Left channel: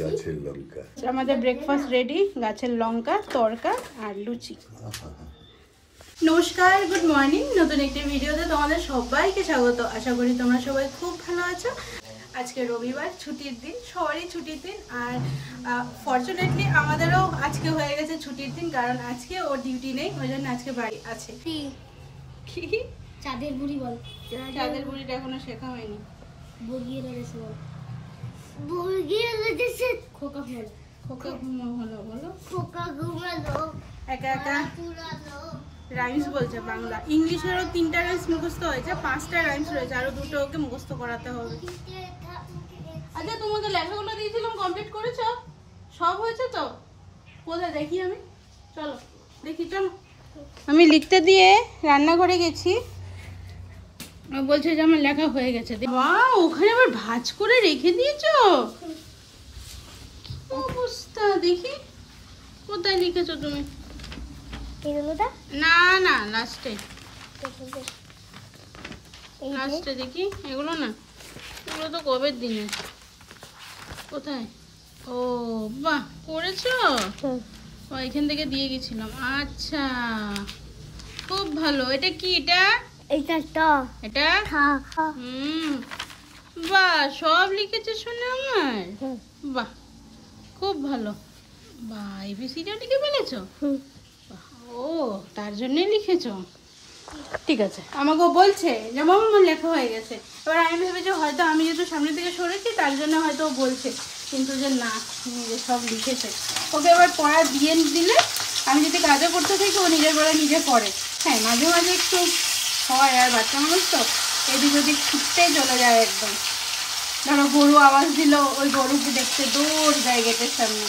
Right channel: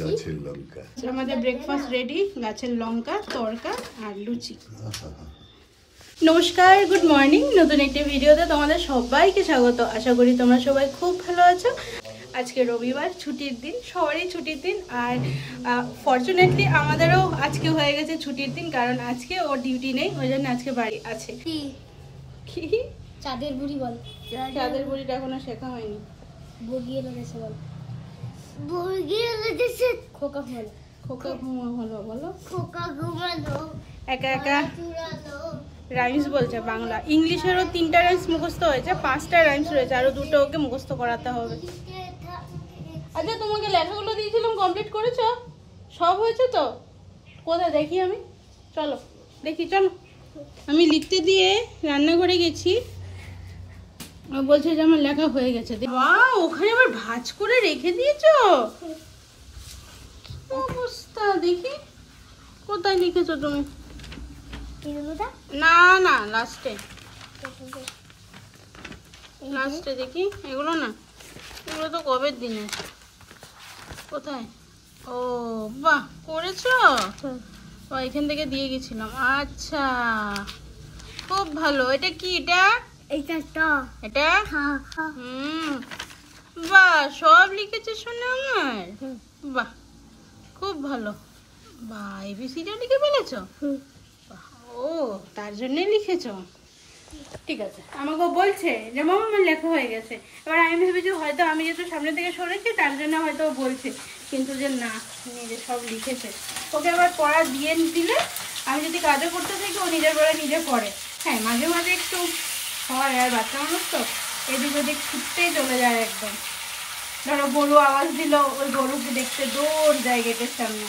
গাছের লঙ্কা। আমাদের breakfast ready, গাছের লঙ্কা তড়কা আর লুচি। নমস্কার, গুড মর্নিং। নতুন একটি ভিডিওতে তোমাদের সবাইকে স্বাগত। আশা করি তোমরা সবাই খুব ভালো আছো। আজকে রবিবার, ছুটির দিন, সবারই ছুটির দিন। আর ফরচুনেটলি আমাদেরও আজকে হয়ে গেছে ছুটির দিন, কারণ আজকে ওর ডিউটি নেই, ওই জন্য আজকে বাড়ি আছে। কি চাঁদের বুড়ি বল। চাঁদের বুড়িটা এখনো শেখা হয়নি। বগিয়ে লেগেছে বল। বগিয়ে লেগেছে। খোকা হলো। খোকা ঘুমো হলো বলো। খোকা ঘুমানো। একা একা রাইমস বলছে বাংলা। ইংলিশেরও 3টা রাইমস মুখস্থ হয়েছে, 5টা রাইমস রয়েছে, আরো 2টো ওকে মুখস্থ করাতে হবে। আচ্ছা, তোমাকে লেখাগুলো দিয়েছিলাম, কমপ্লিট করেছো? সব হয়েছে তো? কোথায় দেখি আমি? চলো দেখি, চলো। আমি লিখতে দিয়ে রান্নাঘরে গেছি, বলছে যে আমার লেখা হয়ে গেছে। বাহ, ওখানে আবার ভাঁজ করে রেখে দিয়েছো। অবস্থা দেখি, কোথায় লিখেছো তুমি? না না, লাস্টে লাস্টে দেখি। এগুলো না, এগুলো তো কবের দিনে। কোথায়? ও বাহ, করেছো? এখান থেকে দিয়ে গেছিলাম। আচ্ছা, খুব ভালো। এটা কি? এটা বাহ, সব লিখেছে শুনে আমার। বাহ, খুব ভালো। বাহ, এবিসিটাও লিখে ফেলেছো? ও, তার জন্যই লিখেছো। ঠিক আছে, আমাকেও বলছে যে মামা আমার লেখা হয়ে গেছে। এবার আমি ভেবেছি হয়তো আমি যেহেতু সামনে থেকে সরেছি তার জন্য হয়তো ও বলছে, কিন্তু যে না, যে সব লিখেছে। ওকে এবার পড়া দিয়ে দিলে আমি যদি কাজও করতে থাকি ও নিজের বেলা নিজে পড়ে। হ্যাঁ, মাঝে মাঝে একটু হয়, আর বাচ্চা মানুষ তো এদিক ওদিক ছুটতেই চলে যায় একদম। ধরো গরু আওয়াজ দিল, ওই গরুকে দেখতে দৌড় যায় গেটের সামনে,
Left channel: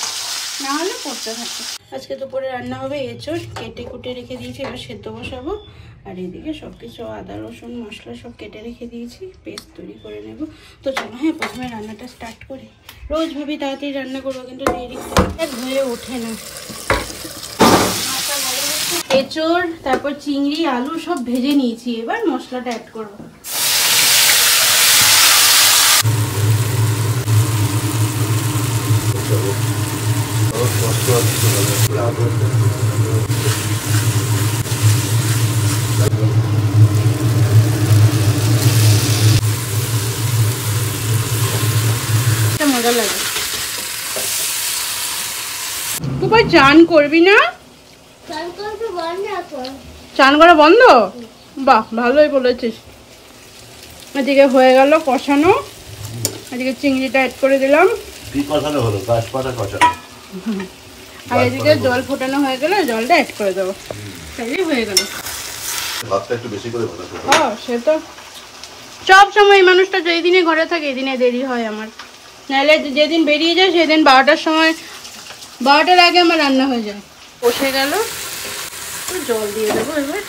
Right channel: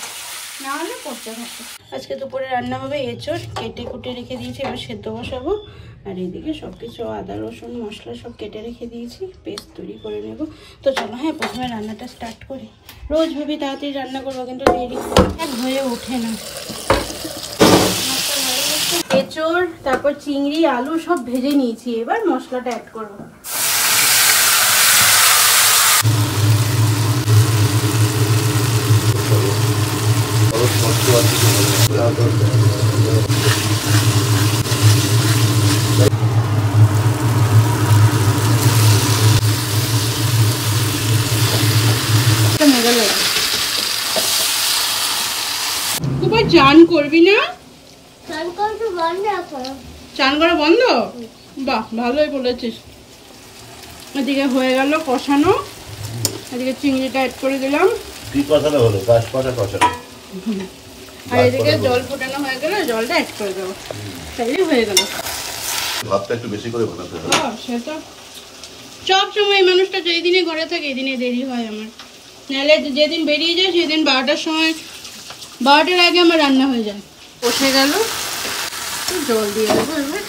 না হলে পড়তে থাকে। আজকে দুপুরে রান্না হবে এঁচোড়, কেটে কুটে রেখে দিয়েছি, এবার সেদ্ধ বসাবো। আর এদিকে সব কিছু আদা রসুন মশলা সব কেটে রেখে দিয়েছি, পেস্ট তৈরি করে নেব। তো চলো, হ্যাঁ, প্রথমে রান্নাটা স্টার্ট করি। রোজ ভাবি তাড়াতাড়ি রান্না করবো, কিন্তু দেরি হয়ে ওঠে না। এঁচোড়, তারপর চিংড়ি আলু সব ভেজে নিয়েছি, এবার মশলাটা অ্যাড করবো। মজা লাগে। তুই চান করবি না? চান করা বন্ধ? বাহ, ভালোই বলেছিস। এদিকে হয়ে গেল কষানো, এদিকে চিংড়িটা অ্যাড করে দিলাম। কি কষানো হলো? গাছপাতা কষানো। আর এদিকে জল ফোটানো হয়ে গেলে জলটা অ্যাড করে দেবো, তাইলেই হয়ে গেল। ভাতটা একটু বেশি করে বসাতে হবে। হ্যাঁ, সে তো সব সময়। এই মানুষটা যেই দিনে ঘরে থাকে এই দিনে দেরি হয় আমার। নাহলে যেদিন বেরিয়ে যায় সেদিন 12টার সময়, 12টার আগে আমার রান্না হয়ে যায়। বসে গেল, জল দিয়ে দেবো এবার।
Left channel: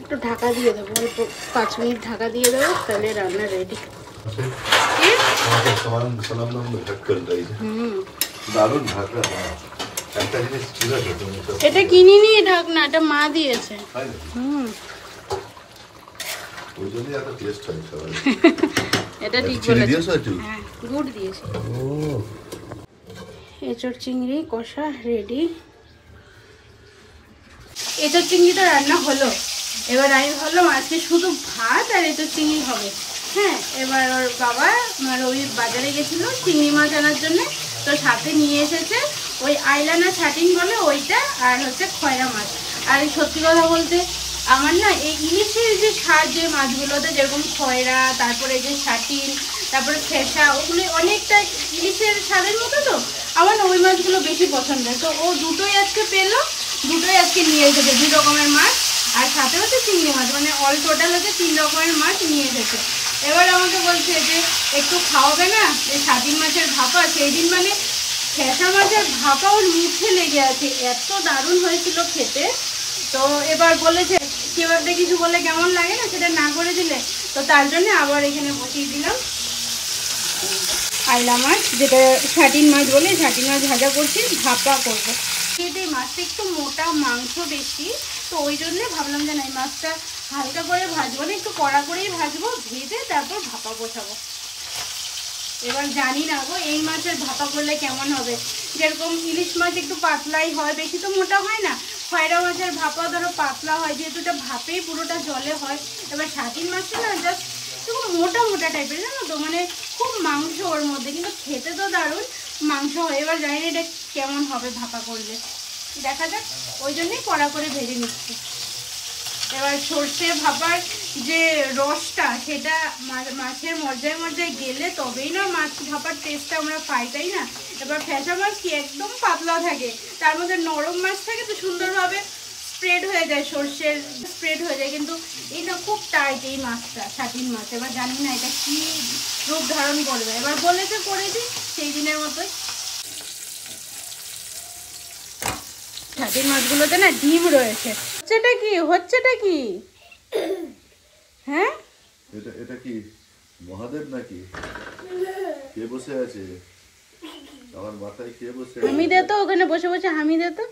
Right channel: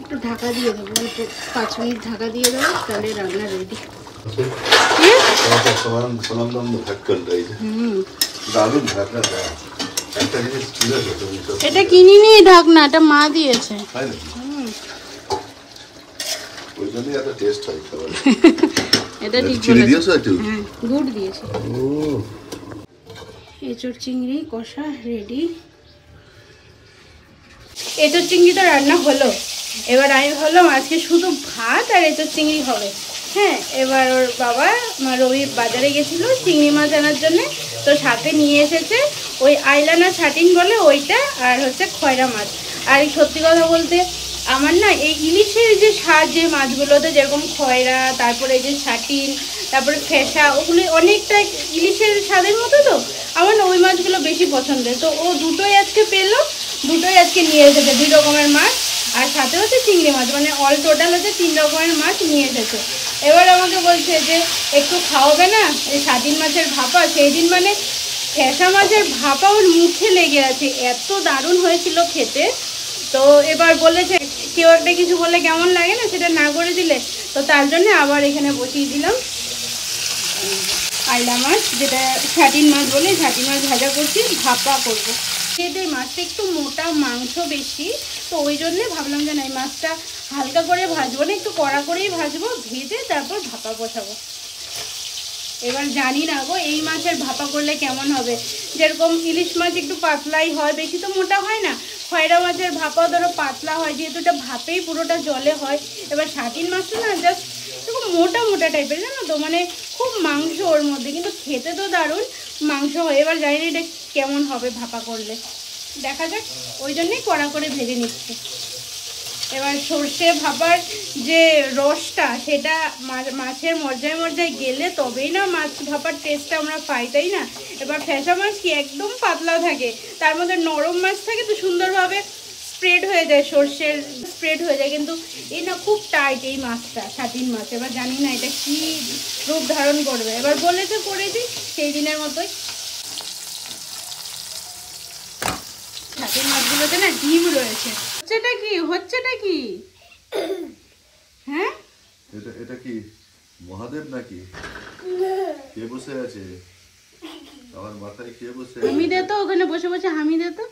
একটু ঢাকা দিয়ে দেবো, একটু 5 মিনিট ঢাকা দিয়ে দেবো, তাহলে রান্না রেডি। এটা কিনিনি ঢাকনা, এটা মা দিয়েছে। এটা ঠিক বলেছে। হ্যাঁ, গুড় দিয়েছে। এঁচোড় চিংড়ি কষা রেডি। এঁচোড় চিংড়ি তো রান্না হলো। এবার আমি ভাবলাম আজকে শুধু ভাত আর এঁচোড় চিংড়ি হবে। হ্যাঁ, এবার ওর বাবা রবি বাজারে গেছিল চিংড়ি মাছ আনার জন্য, তো সাথে নিয়ে এসেছে ওই আইলানা ছাটিন বলে ওইটা, আর হচ্ছে খয়রা মাছ। আর এই সত্যি কথা বলতে আমার না এই ইলিশের যে স্বাদ, যে মাছগুলোতে যেরকম খয়রা, তারপরে এই যে ছাটিন, তারপরে ফেসা, ওগুলো অনেকটা ইলিশের স্বাদের মতো। তো আমার না ওই মাছগুলো বেশি পছন্দের। তো ও দুটোই আজকে পেলো, দুটোই আজকে নিয়ে এসেছে, 2 রকমের মাছ, আর সাথে হচ্ছে চিংড়ি মাছ, মানে অল টোটাল হচ্ছে 3 রকমের মাছ নিয়ে এসেছে। এবার আমাকে বলছে যে একটু খাওয়াবে না এই ছাটিন মাছের ভাপা। সেই দিন মানে ফেসা মাছের ভাপা ওর মুখে লেগে আছে, এত দারুণ হয়েছিল খেতে। তো এবার বলেছে কেউ একটা কিছু বলে কেমন লাগে না, সেটা না করে দিলে, তো তার জন্য আবার এখানে বসিয়ে দিলাম আইলা মাছ, যেটা ছাটিন মাছ বলে, ছাটিন মাছ ভাজা করছি, ভাপা করবো। খেতে মাছটা একটু মোটা, মাংস বেশি, তো ওই জন্যে ভাবলাম যে না এই মাছটা হালকা করে ভাজবো না, একটু কড়া করেই ভাজবো, ভেজে তারপর ভাপা বসাবো। এবার জানি না গো এই মাছের ভাপা করলে কেমন হবে। যেরকম ইলিশ মাছ একটু পাতলাই হয়, বেশি তো মোটা হয় না। খয়রা মাছের ভাপা ধরো পাতলা হয়, যেহেতু এটা ভাপেই পুরোটা জলে হয়। এবার ছাটিন মাছটা না জাস্ট এরকম মোটা মোটা টাইপের, জানো তো, মানে খুব মাংস ওর মধ্যে, কিন্তু খেতে তো দারুণ মাংস হয়। এবার জানি না এটা কেমন হবে ভাপা করলে, দেখা যাক, ওই জন্যই কড়া করে ভেজে নিচ্ছি। এবার সর্ষে ভাপার যে রসটা সেটা মাছের মজ্জায় মজ্জায় গেলে তবেই না মাছ ভাপার টেস্টটা আমরা পাই, তাই না? এবার ফ্যাসা মাছ কি একদম পাতলা থাকে, তার মধ্যে নরম মাছ থাকে, তো সুন্দরভাবে স্প্রেড হয়ে যায়, সর্ষের স্প্রেড হয়ে যায়, কিন্তু এই না খুব টাইট এই মাছটা, ছাটিন মাছ। এবার জানি না এটা কি রূপ ধারণ করবে। এবার বলেছে করেছি সেই দিনের মতোই। ছাটিন মাছগুলোতে না ডিম রয়েছে। হচ্ছেটা কি হ্যাঁ? এটা কি মহাদেব নাকি? কে বসে আছে আমার মাথায়? কে বসে? হামি দে তো, ওখানে বসে বসে হামি দে তো,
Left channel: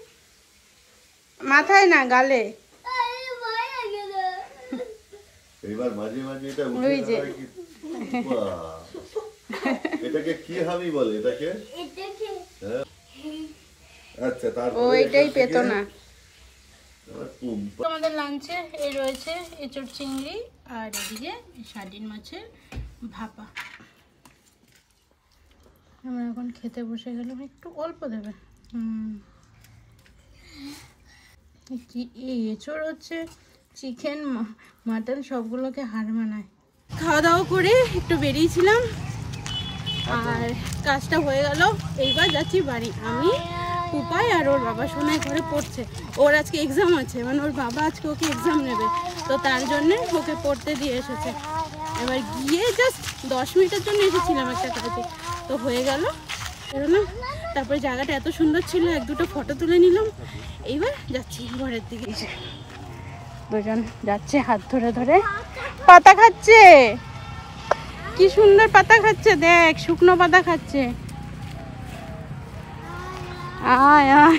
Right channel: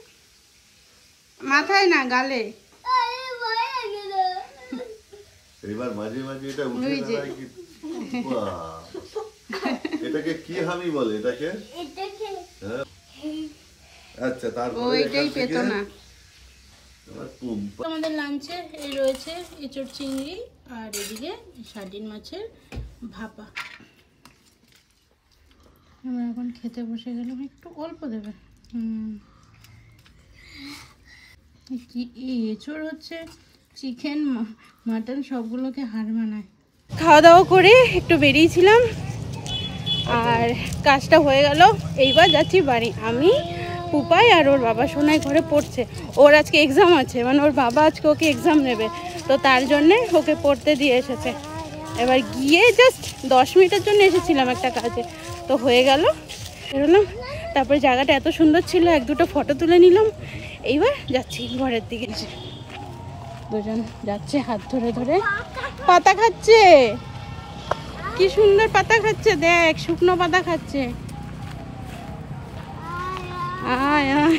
মাথায় না গালে। এবার মাঝে মাঝে এটা উঠে দাঁড়ায় কি? বাহ! এটাকে কি হামি বলে? এটাকে হ্যাঁ? আচ্ছা, তারপর ওইটাই পেতো না। পুম। আমাদের লাঞ্চে এই রয়েছে এঁচড় চিংড়ি, আর এদিকে সার্ডিন মাছের ভাপা। আমরা এখন খেতে বসে গেলাম, একটু অল্প দেবে। কি এঁচড় হচ্ছে চিকেন মাটন সবগুলোকে হার মানায়। খাওয়া দাওয়া করে একটু বেরিয়েছিলাম, আর কাজটা হয়ে গেল। এইবার যাচ্ছি বাড়ি। আমি, পুপাই আর ওর বাবা সোনাই ঘরে পড়ছে। ওর আজকে এক্সাম আছে, মানে ওর বাবা আজকে ওকে এক্সাম নেবে, তো তার জন্যে ওকে পড়তে দিয়ে এসেছে। এবার গিয়ে জাস্ট 10 মিনিটের জন্য এসেছিলাম একটা কাজে, তো হয়ে গেল, বেরোলাম। তারপরে জায়গাটা এত সুন্দর ছিল, 1-2টো ফটো তুলে নিলাম। এইবার যাচ্ছি ঘরের দিকে। দুজন যাচ্ছে হাত ধরে ধরে, পাতা খাচ্ছে, কি সুন্দর পাতা খাচ্ছে, দেখ শুকনো পাতা খাচ্ছে। আয় আয়,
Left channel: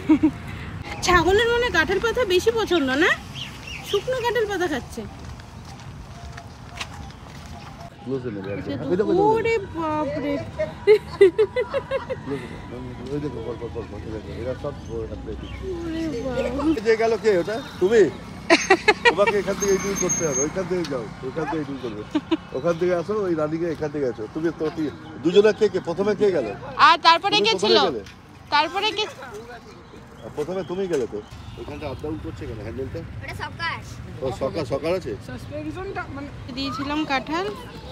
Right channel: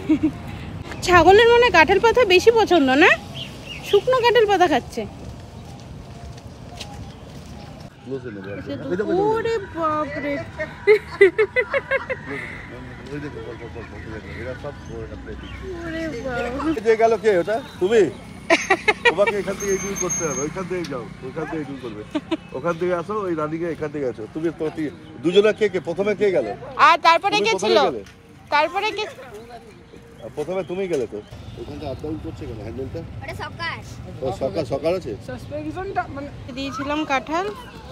ছাগলের মনে কাঁঠাল পাতা বেশি পছন্দ না, শুকনো কাঁঠাল পাতা খাচ্ছে। ওরে বাপরে, গেল কে ওটা? তুমি? তোমাকে এখান থেকে এই করতে হবে, ওইখান থেকে যাও, ওইখান থেকে এই করবে, ওখান থেকে আসো, ওই রানীকে এখান থেকে আসো। তুমি তো দুজনে কে প্রথমে কে গেল? আর তারপরে কে ছিল? তারপরে কে? প্রথমে তুমি গেলে তো। ওখানটা আপ ডাউন করছে কেন হ্যান্ডেলটা? ও সকাল আছে। সাসপেনশনটা মানে দিয়েছিলাম কাঁঠাল,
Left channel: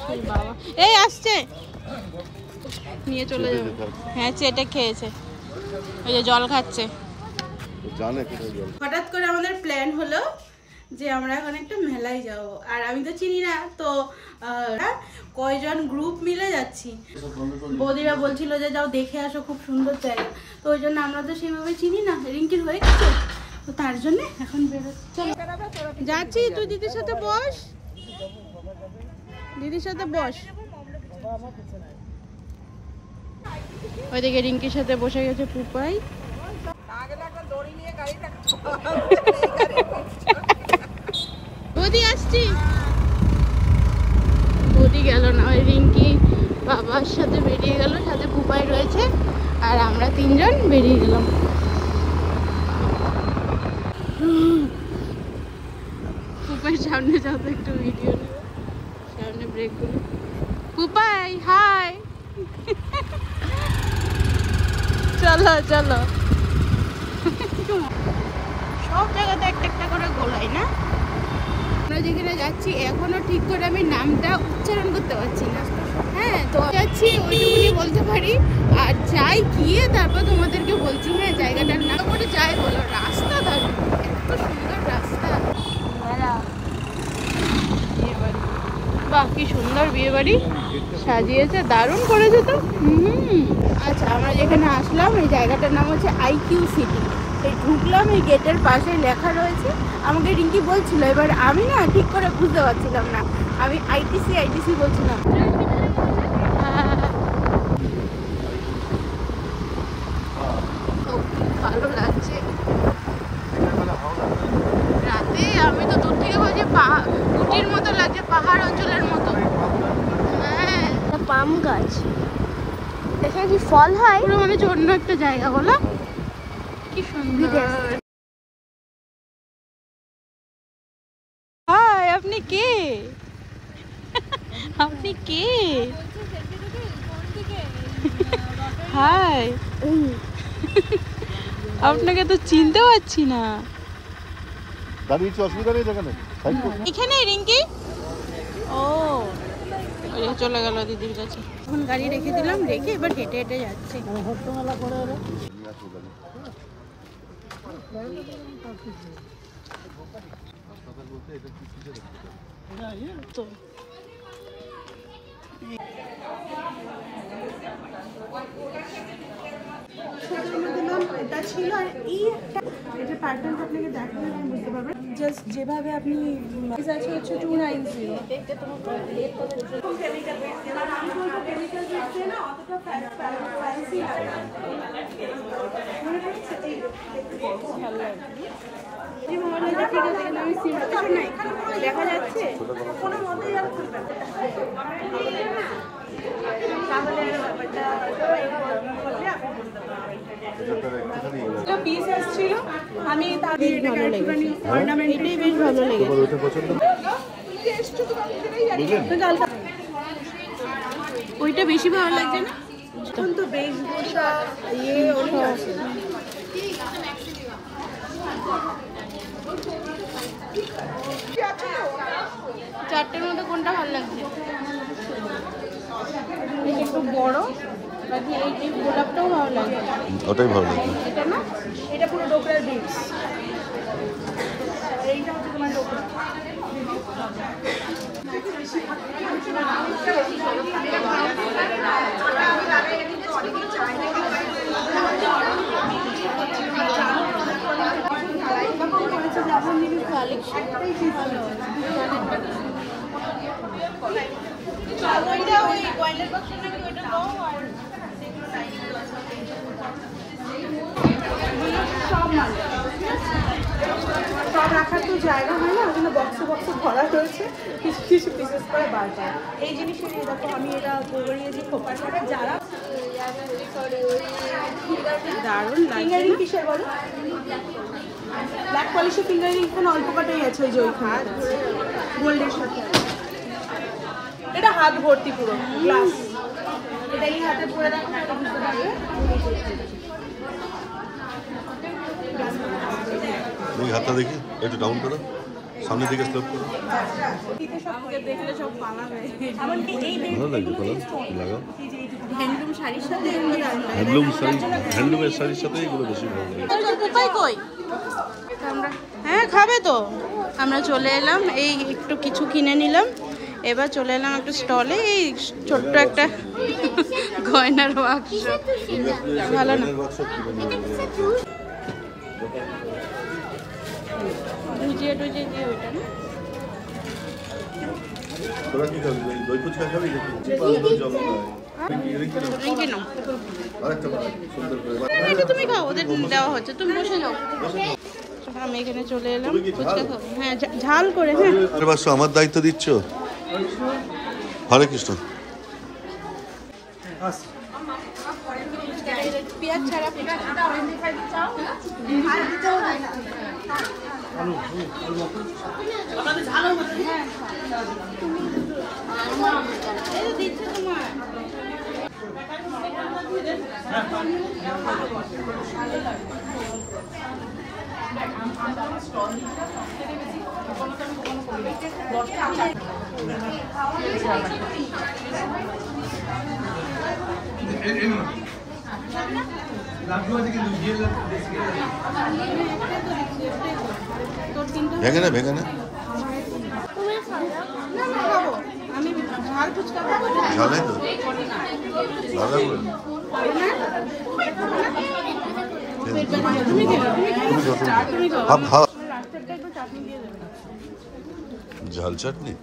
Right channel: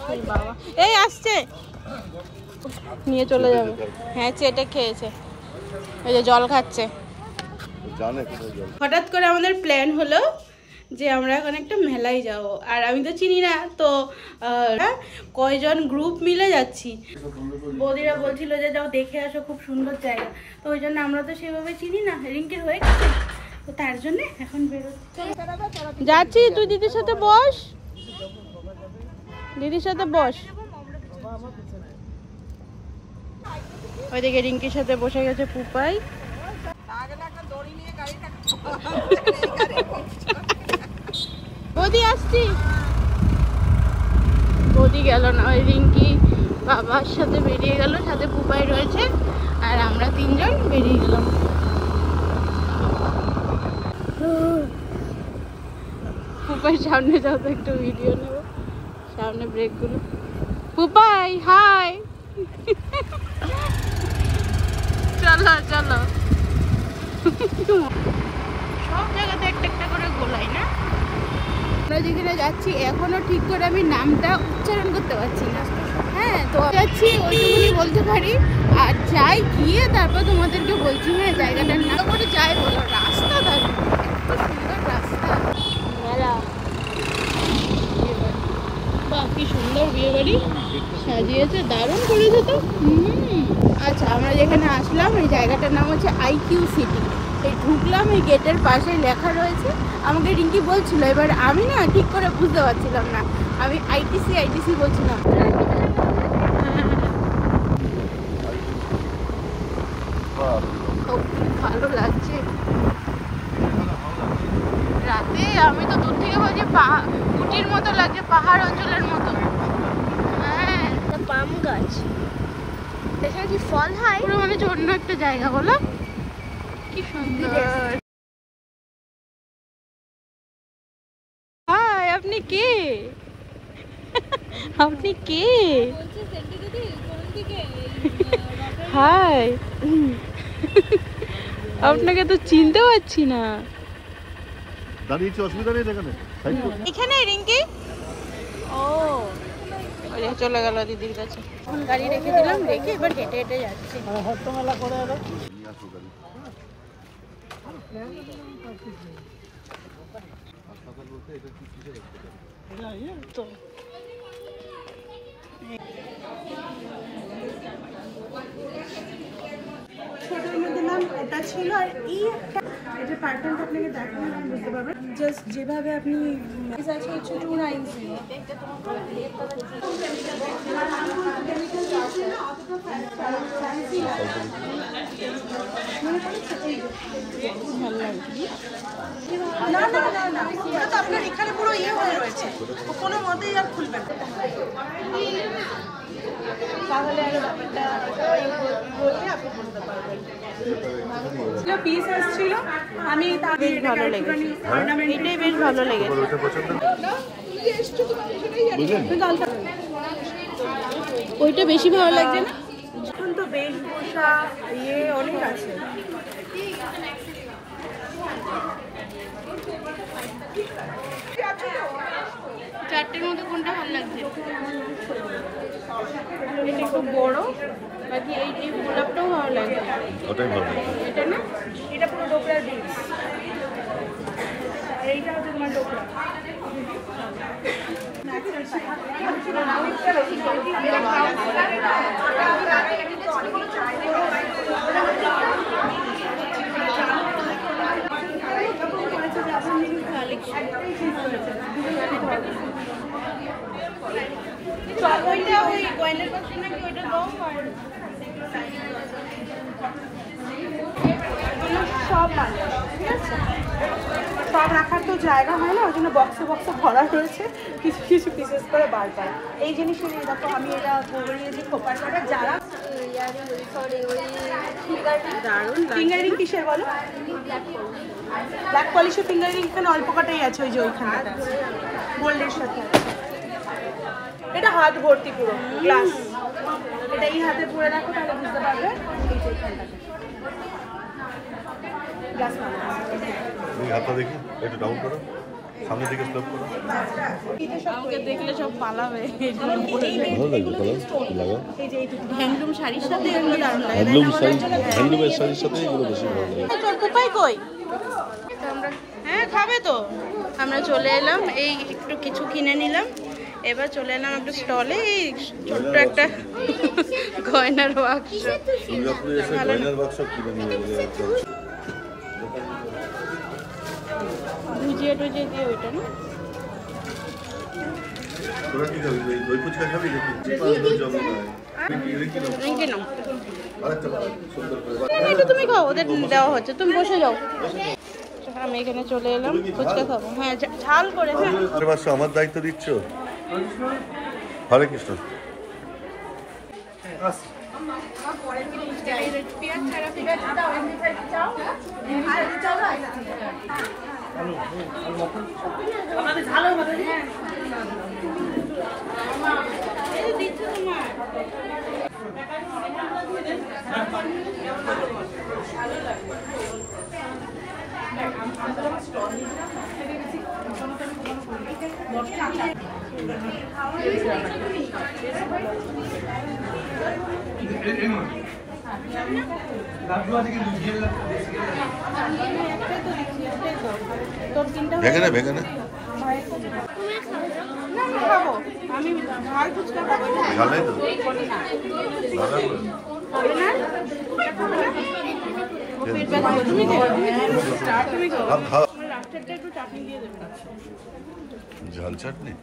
সেই বাবা এই আসছে নিয়ে চলে যাবে। হ্যাঁ, চেটে খেয়েছে, ওই যে জল খাচ্ছে। জানে কোথায় জল। হঠাৎ করে আমাদের প্ল্যান হলো যে আমরা এখন একটা মেলায় যাব, আর আমি তো চিনি না, তো কয়জন গ্রুপ মিলে যাচ্ছি। বৌদিরা বলছিল যে যাও দেখে আসো, খুব সুন্দর জায়গা, তো ওই জন্য আমরা তো সেভাবে চিনি না, রিঙ্কির হয়ে গেছে, তো তার জন্য এখন বেরোচ্ছি। যাচ্ছি, তুই দিদির সাথে বস, দিদির সাথে বস। ওইদিকে রিঙ্কির সাথে বসে গেছে পুপাই। বৌদি আসছি, বৌদি গেল না, ওই রিঙ্কি বাবার সাথে বেরিয়ে গেল, সাথে পুপাই রয়েছে, আর আমরা 3 জন বেরিয়ে গেলাম। পুপাই সামনে যাও তো, একটু ভিডিও নেব, সামনে ব্রেক গুলো। পুপাই হাই, চলো চলো। সব জায়গাতে একটা করে গোলাই না। আমরা যেখানে যাচ্ছি এখনো ঠিক করে আমি নামটা উচ্চারণ করতে পারছি না। হ্যাঁ, তো যাচ্ছি ওইটুকুনি বলতে পারি, আর যাই গিয়ে তারপর তোমাদেরকে বলছি। হ্যাঁ, জায়গাটার নাম করে যাই বলো, রাস্তা এত সুন্দর রাস্তা। বাহ, কি সুন্দর বিয়ে বাড়ি সাজিয়েছে, দারুণ করেছে তো। আচ্ছা, আমরা যেখানে আসলাম এই জায়গাটার নাম হচ্ছে IQ সিটি। এই ঢুকলাম, এই গেটের পাশে লেখা রয়েছে, আমাকে রিঙ্কি বলছিল, এবার আমি না ঠিক করে বুঝতে পারছিলাম না, আমি আইটিসি বলছিলাম। ভালো লাগছে। আমি তো দূর থেকে বলছি উটির মতো লাগছে, পাহাড় অঞ্চলের মতো। হ্যাঁ, পাম গাছ, এখানে কি ফল হয়? পুরো মানে অন্য একটা জায়গা, বলো কি সুন্দর। হাই, আপনি কে? আপনি কে? হাই, আপনাকে তো চিনতে পারছি না। দাঁড়িয়েছি, অসুবিধা নেই দেখানো। এখানে রিঙ্কি, ও চলে গেল দিদির কাছে। এখন গাড়ি রেখে দিলাম, রেখে এবার হেঁটে হেঁটে যাচ্ছি। তো ছোটোর মধ্যে ম্যাম এটা ছিল, আর এই একটা এটা প্যাটার্নটা আপনাকে দেখালে আপনি বুঝতে পারবেন। জাস্ট যেভাবে আপনি আছে হচ্ছে 290। ভালো লাগছে না, না না না, ওটা তো আপনার এখানে পুরো ইয়ে হয়ে রয়েছে, কোনো মতেই আর খুলবে না। তাহলে ব্যাপারটা বললে আপনি বলতে পারবেন। পিস আসছিল, আমি বেশ ভালো লেগেছে, এটাই বেশ ভালো লেগেছে। ওইটা বেশি ভালো লাগছে না? এখন তো বেশভূষা ইয়ে অনেক আছে। চারটের মধ্যে কোনটা ভালো লাগছে? এটা একটু বড়, বাকি এই গোলাপটাও ভালো লাগছে। ওটাই ভালো লাগছে। এটা না, এটা পুরো ডোকরার বিটস, আর এইটা হচ্ছে তোমার ডোকরা। সব মানে পা রাখার তো জায়গা হয় না, ওই জন্য বক্সে বক্সে ভরা হয়েছে, কিছু কিছু পিসেস করে বারবার। এই জিনিসটা দেখো, আমি এটা গোবরিয়ে যে খোপার কাটা যারা দারুণ ফিঙ্গারিং কিসের বলো? ব্ল্যাক পলিশের ফিঙ্গারিং এখানে অল্প কাটাই আছে, ওই যে ওইখানে গোল্ডের সাথে। এটা হাত ভর্তি পুরো গ্লাস, এটা এই হাতে পুরো দেখো বুঝতে পারবে। এই হাতটা দেখি, একটু ডাউন করো, সামনের দিকে স্লোপ করো। আমাকে দেখলে সব পালাবে। ভালো লাগবে কালার লাগা। হ্যান্ডলুম শাড়ির সাথে এগুলো দারুণ লাগে। হ্যান্ডলুমের শাড়ির সাথে এগুলো বেশি ভালো লাগে। তোর কোপাই কই? আমরা হ্যাঁ খাবে তো। আমরা চলে এলাম, এই একটু কিছু কিনে নিলাম, এবার চলে এলাম একটা স্টলে। এই ছোট্ট একটা গয়নার বাক্স, ভালো না? ভুজিয়ে টুজিয়ে দিয়ে ওইটা না, তুমি খাও, ওদের দেওয়া হচ্ছে, তুমি বসে যাও। আমি এখানে চলে এলাম, ফুচকা খাবো। হ্যাঁ ঝাল করে। হ্যাঁ আমার দায়িত্ব দিচ্ছ। হরে কৃষ্ণ। ভেঙে না, ভেঙে না, আমি খাবো, আমি ঝাল ফুচকা খাবো। ঝাল নাই তো, ঝাল লাগবে। তুমি ঝাল চাটনি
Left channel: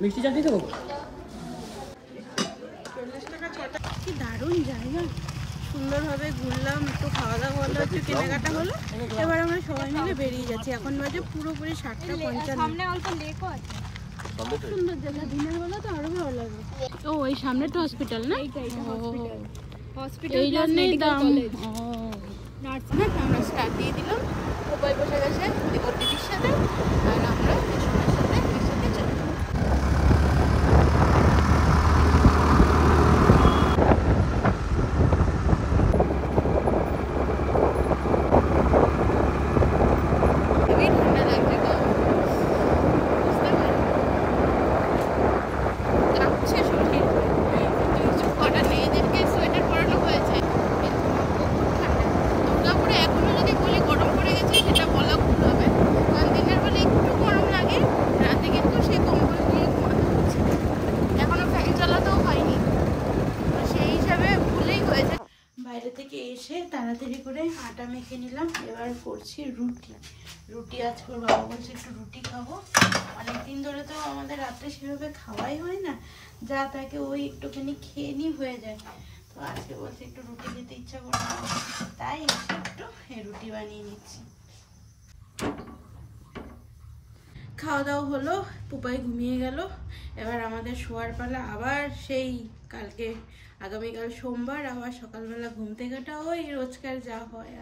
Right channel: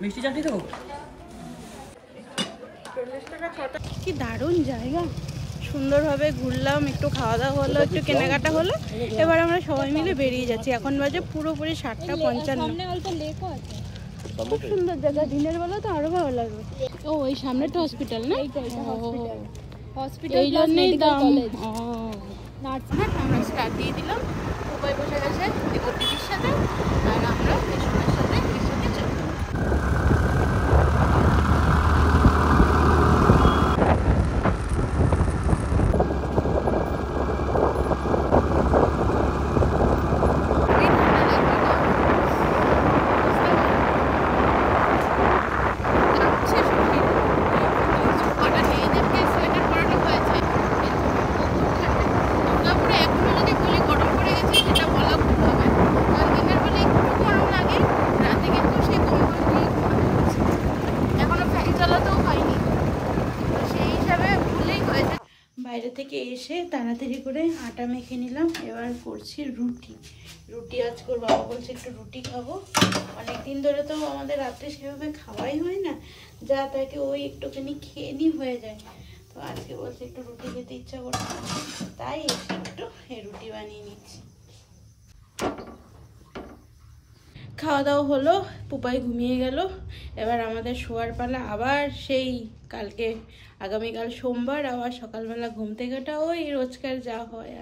মিষ্টি চাটনি দেবো। কি দারুণ জায়গা, সুন্দরভাবে ঘুরলাম, একটু খাওয়া দাওয়া হলো, একটু কেনাকাটা হলো। এবার আমরা সবাই মিলে বেরিয়ে যাচ্ছি। এখন বাজে পুরোপুরি 7:55। অল্প লেকও আছে। সুন্দর জায়গা, দিনের বেলা তো আরো ভালো লাগবে। ও ওই সামনেটা হসপিটাল না? হসপিটাল এই জন্যই দাম। নার্স হ্যাঁ, আমরা স্টার্ট দিয়ে দিলাম। উপায় বসে গেছে দিদির সাথে, আর আমরা বিষ্ণুর সাথে বিষ্ণুকে চললাম। বাইরে থেকে এসে তাড়াতাড়ি করে আটা মেখে নিলাম। এবার করছি রুটি আজ করবো। বাবা বলছে একটু রুটি খাবো। অনেকদিন ধরে তো আমাদের রাত্রে সেভাবে খাওয়াই হয় না, যা তাকে ওই একটুখানি খেয়ে নি হয়ে যায়। তো আজকে বলছে একটু রুটি খেতে ইচ্ছা করছে, তাই একটু এই রুটি বানিয়ে নিচ্ছি। খাওয়া দাওয়া হলো, পুপাই ঘুমিয়ে গেল। এবার আমাদের শোয়ার পালা। আবার সেই কালকে, আগামীকাল সোমবার, আবার সকালবেলা ঘুম থেকে ওঠা, ওই রোজকার যা হয়।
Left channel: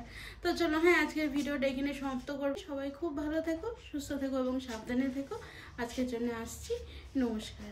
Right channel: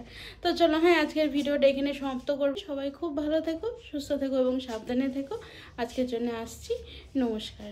তো চলো, হ্যাঁ, আজকের ভিডিওটা এখানে সমাপ্ত করবো। সবাই খুব ভালো থেকো, সুস্থ থেকো এবং সাবধানে থেকো। আজকের জন্য আসছি। নমস্কার।